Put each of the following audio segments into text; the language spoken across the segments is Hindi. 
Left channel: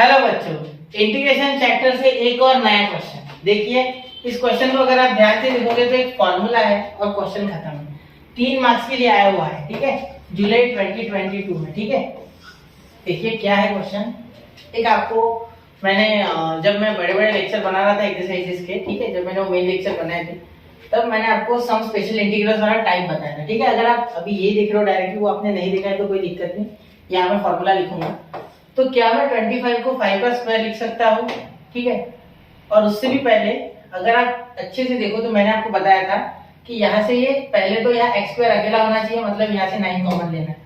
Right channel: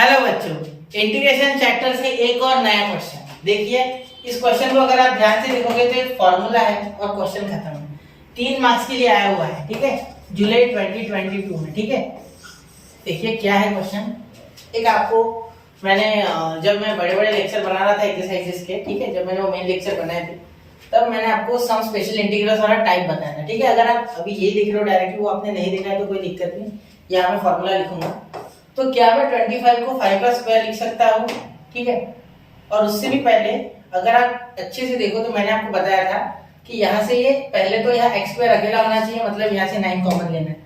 हेलो बच्चों, इंटीग्रेशन चैप्टर से एक और नया क्वेश्चन देखिए। इस क्वेश्चन को अगर आप ध्यान से देखोगे तो एक फॉर्मूला है और क्वेश्चन खत्म है। 3 मार्क्स के लिए आया हुआ है, ठीक है, जुलाई 2022 में, ठीक है। देखिए क्या है क्वेश्चन। एक आपको मैंने जब मैं बड़े बड़े लेक्चर बना रहा था एक्सरसाइजेस के, ठीक है, जब मैंने वो मेन लेक्चर बनाए थे तब मैंने आपको सम स्पेशल इंटीग्रल्स वाला टाइप बताया था, ठीक है। अगर आप अभी ये देख रहे हो डायरेक्टली, वो आपने नहीं देखा है तो कोई दिक्कत नहीं, यहाँ मैं फॉर्मूला लिखूंगा। तो क्या मैं 25 को 5 का स्क्वायर लिख सकता हूँ, ठीक है। और उससे भी पहले अगर आप अच्छे से देखो तो मैंने आपको बताया था कि यहाँ से ये पहले तो यहाँ x स्क्वायर अकेला होना चाहिए, मतलब यहाँ से 9 कॉमन लेना है।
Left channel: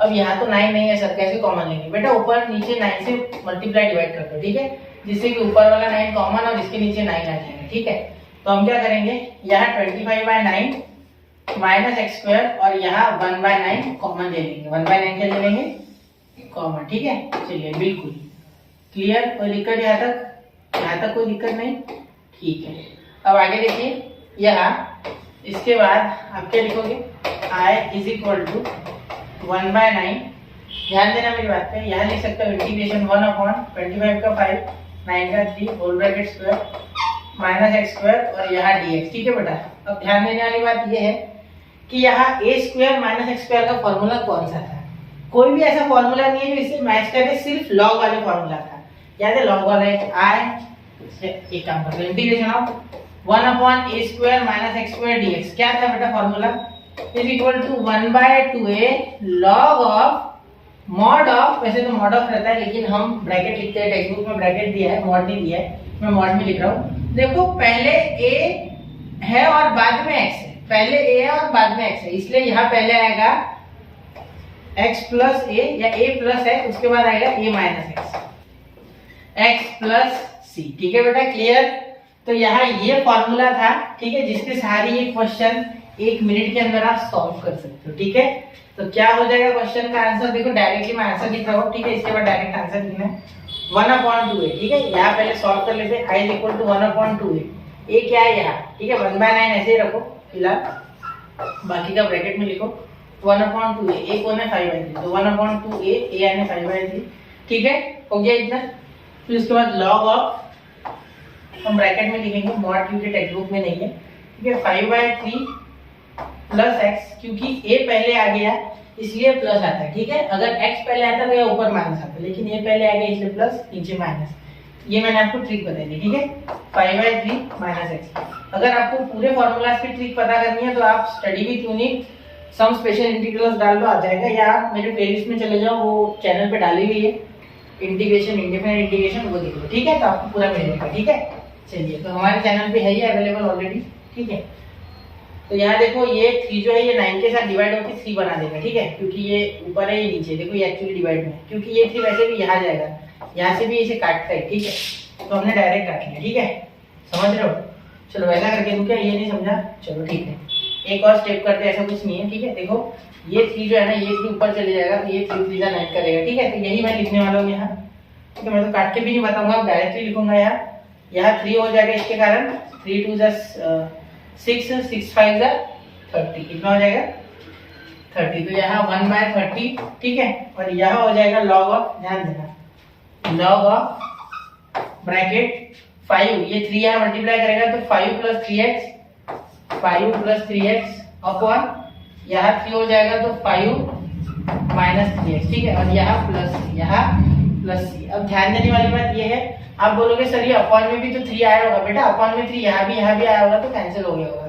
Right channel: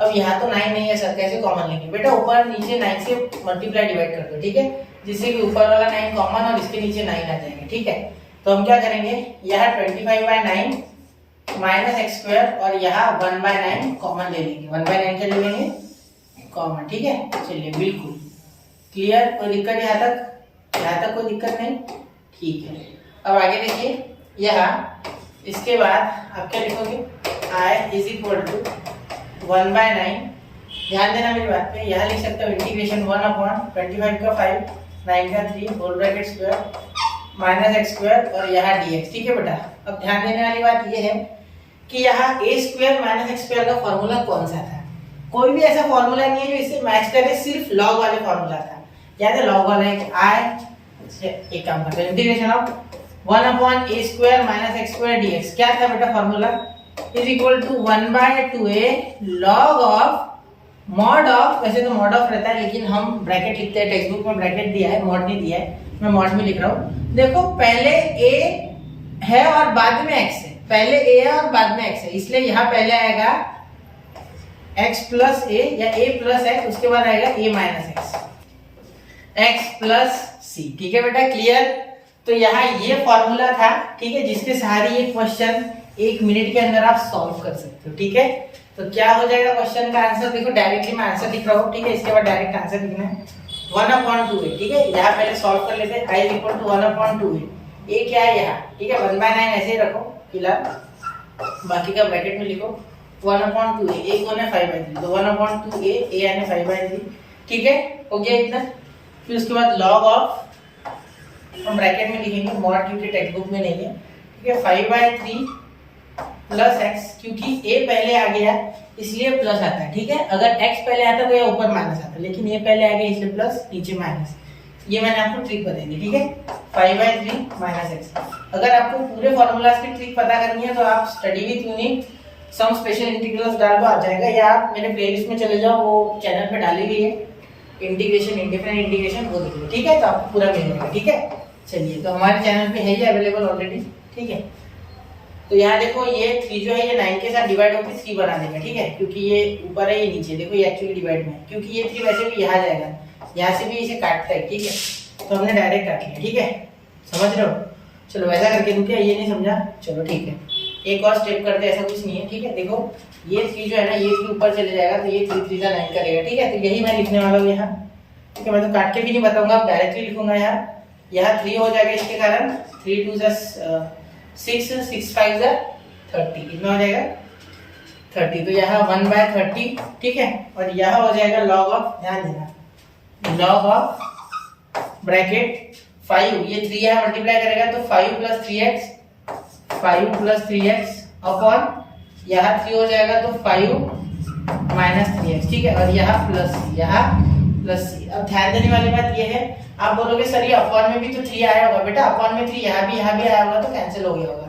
अब यहाँ तो 9 नहीं है सर, कैसे कॉमन लेंगे बेटा? ऊपर नीचे 9 से मल्टीप्लाई डिवाइड कर दो, ठीक है, जिससे कि ऊपर वाला 9 कॉमन और इसके नीचे 9 आ जाएगा, ठीक है। तो हम क्या करेंगे, यहाँ 25/9 माइनस एक्स स्क्वायर और यहाँ 1/9 कॉमन ले लेंगे। 1/9 क्या ले लेंगे? कॉमन, ठीक है। चलिए बिल्कुल क्लियर, कोई दिक्कत यहाँ तक कोई दिक्कत नहीं, ठीक है। अब आगे देखिए, यहाँ इसके बाद आप क्या लिखोगे, i इज इक्वल टू 1/9। ध्यान देना मेरी बात पे, यहाँ लिख सकते हो इंटीग्रेशन 1/25 का 5 9 का 3 whole bracket square minus x square और यहाँ dx, ठीक है बेटा। अब ध्यान देने वाली बात ये है कि यहाँ a square minus x square का फॉर्मूला कौन सा था? कोई भी ऐसा फॉर्मूला नहीं है जो इससे मैच करे, सिर्फ लॉग वाले फॉर्मूला था। याद है लॉग वाला एक एक काम करते हैं, integration of 1/a square minus x square dx क्या था बेटा formula? Is equal to 1/2a log of mod of, वैसे तो मॉड ऑफ रहता है लेकिन हम ब्रैकेट लिखते हैं, टेक्स्ट बुक में ब्रैकेट दिया है, मॉड नहीं दिया है, मैं मॉड में लिख रहा हूँ। देखो पहले a है और बाद में x है, पहले a है और बाद में x है, इसलिए यहाँ पहले आएगा x प्लस a या a प्लस है, उसके बाद आएगा a minus x plus c, ठीक है बेटा, क्लियर। तो यहाँ ये फॉर्मूला था, ठीक है, जिसके सहारे ये क्वेश्चन 1 मिनट के अंदर आप सॉल्व कर सकते हो, ठीक है। तो क्या हो जाएगा क्वेश्चन का आंसर? देखो डायरेक्टली मैं आंसर लिख रहा हूँ, ठीक है, इसके बाद डायरेक्ट आंसर लिखना है 1/2a, ठीक है। यहाँ पहले सॉल्व कर लेते हैं, i is equal to 1/2a, a क्या है यहाँ, ठीक है, 1/9 ऐसे ही रखो फिलहाल, बाकी का ब्रैकेट में लिखो 1/2a, a कौन है 5/3, तो 1/2a, a यानी 5/3, ठीक है, हो गया इतना। फिर उसके बाद लॉग ऑफ हम ब्रैकेट में लिखेंगे, मॉड क्योंकि टेक्स्ट बुक में नहीं है, ठीक है, 5/3 प्लस x, क्योंकि a पहले आ गया इसलिए प्लस आता है, ठीक है। अगर x पहले आता तो ये ऊपर माइनस आता, लेकिन a पहले आ गया इसलिए प्लस, नीचे माइनस। ये मैंने आपको ट्रिक बताई थी, ठीक है, 5/3 माइनस x। अगर आपको पूरे फॉर्मूलाज की ट्रिक पता करनी है तो आप study with unique some special integrals डाल दो, आ जाएगा, या आप मेरे प्लेलिस्ट में चले जाओ, वो चैनल पे डाली हुई है इंटीग्रेशन, इंडिफरेंट इंटीग्रेशन, वो देख लो, ठीक है, तो आपको पूरा मिल जाएगा, ठीक है। चलिए, तो हमारे चैनल पे है ये अवेलेबल ऑलरेडी, ठीक है। तो यहाँ देखो ये 3 जो है ये 9 के साथ डिवाइड होकर 3 बना देगा, ठीक है, क्योंकि ये ऊपर है ये नीचे, देखो ये एक्चुअली डिवाइड में है, क्योंकि ये 3 वैसे भी यहाँ जाएगा, यहाँ से भी इसे काटता है, ठीक है, तो हमने डायरेक्ट काट लिया, ठीक है, समझ रहे हो। चलो वैसा करके दूं क्या? ये नहीं समझा, चलो ठीक है, एक और स्टेप करते हैं, ऐसा कुछ नहीं है, ठीक है। देखो ये 3 जो है ना, ये 3 ऊपर चले जाएगा, तो ये 3 3 9 करेगा, ठीक है। तो यही मैं लिखने वाला हूँ यहाँ, ठीक है, मैं तो काट के भी नहीं बताऊंगा, डायरेक्टली लिखूंगा। यहाँ 3 हो जाएगा, इसके कारण 3 2 6 6 5 30, कितना हो जाएगा 30। तो यहाँ 1/30, ठीक है, और यहाँ हो जाएगा लॉग ऑफ, ध्यान देना, लॉग ऑफ ब्रैकेट 5, ये 3 यहाँ मल्टीप्लाई करेगा तो 5 प्लस 3x अपॉन यहाँ 3 हो जाएगा तो 5 माइनस 3x, ठीक है, और यहाँ प्लस c। अब ध्यान देने वाली बात ये है, आप बोलोगे सर ये अपॉन में भी तो 3 आया होगा, बेटा अपॉन में 3 यहाँ भी आया होगा तो कैंसिल हो गया होगा,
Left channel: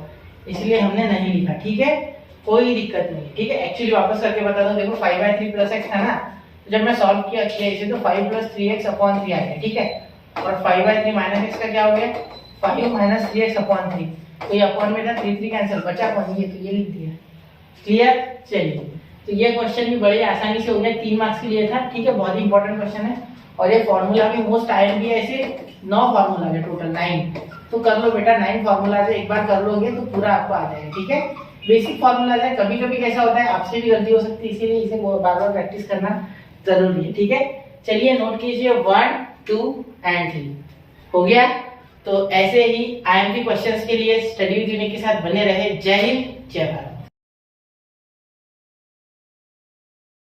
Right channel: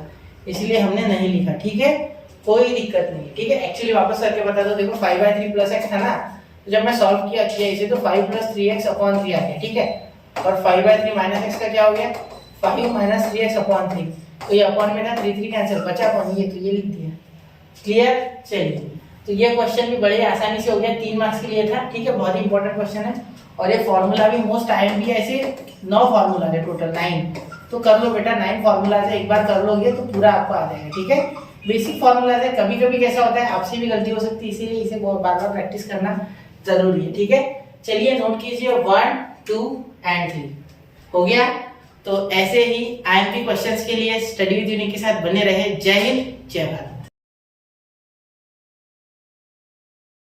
इसलिए हमने नहीं लिखा, ठीक है, कोई दिक्कत नहीं है, ठीक है। एक्चुअली वापस करके बता दो, देखो 5/3 प्लस x था ना, तो जब मैं सॉल्व किया इसे तो 5 प्लस 3x अपॉन 3 आ गया, ठीक है, और 5/3 माइनस x का क्या हो गया 5 माइनस 3x अपॉन 3, तो ये अपॉन में था 3 कैंसिल, बचा अपॉन, ये तो ये लिख दिया, क्लियर। चलिए, तो ये क्वेश्चन भी बड़े आसानी से हो गया, 3 मार्क्स के लिए था, ठीक है, बहुत ही इंपॉर्टेंट क्वेश्चन है, और ये फॉर्मूला भी मोस्ट आयरन भी है, ऐसे 9 फॉर्मूला है टोटल, 9 तो कर लो बेटा, 9 फॉर्मूला है, एक बार कर लोगे तो पूरा आपको आ जाएगा, ठीक है। बेसिक फॉर्मूला है, कभी कभी कैसा होता है आपसे भी गलती हो सकती है, इसीलिए इसे बार बार प्रैक्टिस करना जरूरी है, ठीक है। चलिए नोट कीजिए 1 2 एंड 3 हो गया। तो ऐसे ही IMP क्वेश्चंस के लिए स्टडी विद यूनिक के साथ बने रहे। जय हिंद, जय भारत।